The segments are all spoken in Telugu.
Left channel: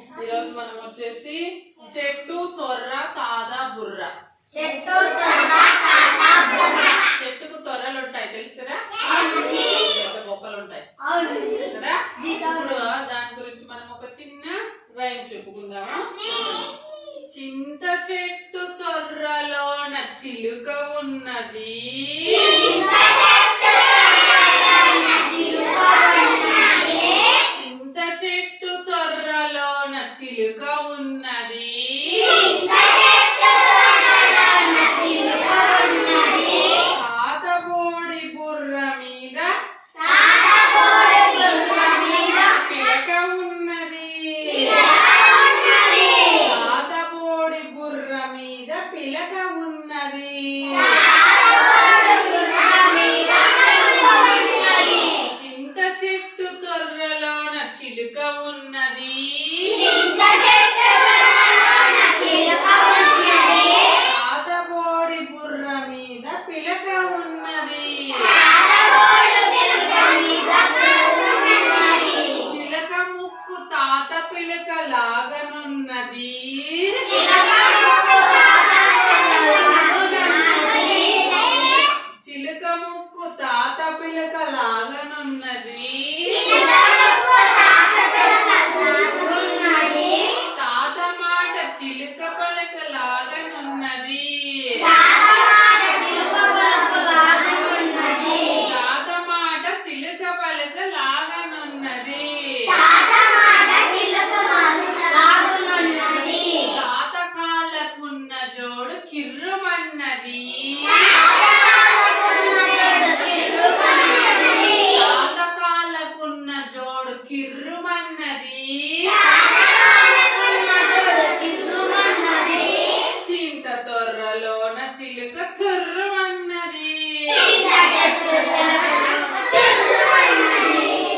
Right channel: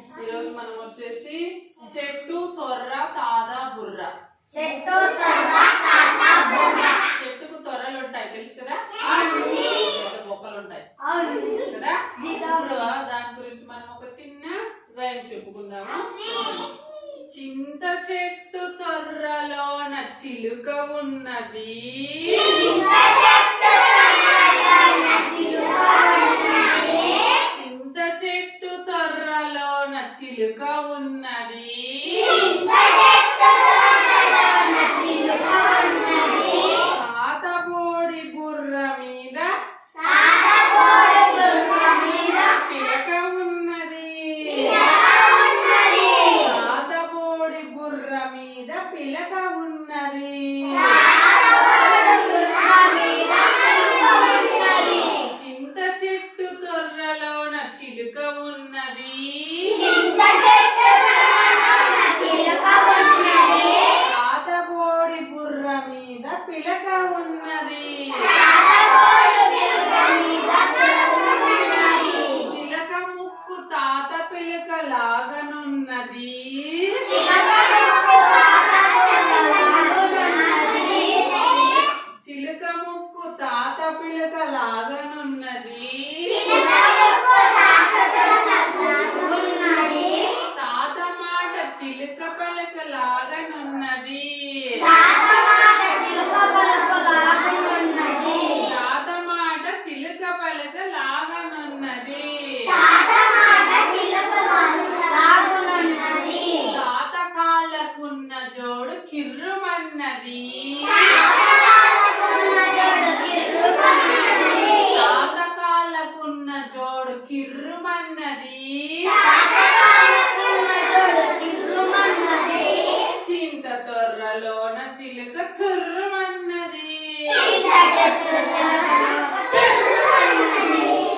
ఈరోజు మనం వచ్చేసి చెట్టు తొర్ర తాద బుర్ర. చెట్టుకు తొర్రలు ఉంటాయి తెలుసు కదా, బొక్కలు ఉంటాయి కదా. ఇప్పుడు దాని గురించి మనం ఒక చిన్న రైమ్ చెప్పుకుందాము. చింత చెట్టు తొర్రలోన చిలుక ఉన్నది, చింత చెట్టు తొర్రలోన చిలుక ఉన్నది, తాతబోడి బుర్ర మీద పిలక ఉన్నది, తాతబోడి బుర్ర మీద పిలక ఉన్నది, చింత చెట్టు తొర్రలోన చిలుక ఉన్నది, తాతబోడి బుర్ర మీద పిలక ఉన్నది, చిలక ముక్కు తాత పిలక లాగనున్నది, చిలుక ముక్కు తాత పిలక లాగనున్నది, తాత మాట చిలుక పలక లాగనున్నది, తాత మాట చిలుక పలక లాగనున్నది, తాత కాళ్ళకున్న జోడు కిర్రుమన్నది, తాత కాళ్ళకున్న జోడు కిర్రుమన్నది, చింత తొర్రలోన చిలుక తుర్రుమన్నది,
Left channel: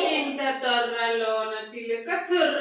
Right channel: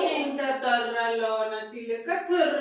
చింత తొర్రలోన చిలుక తుర్రు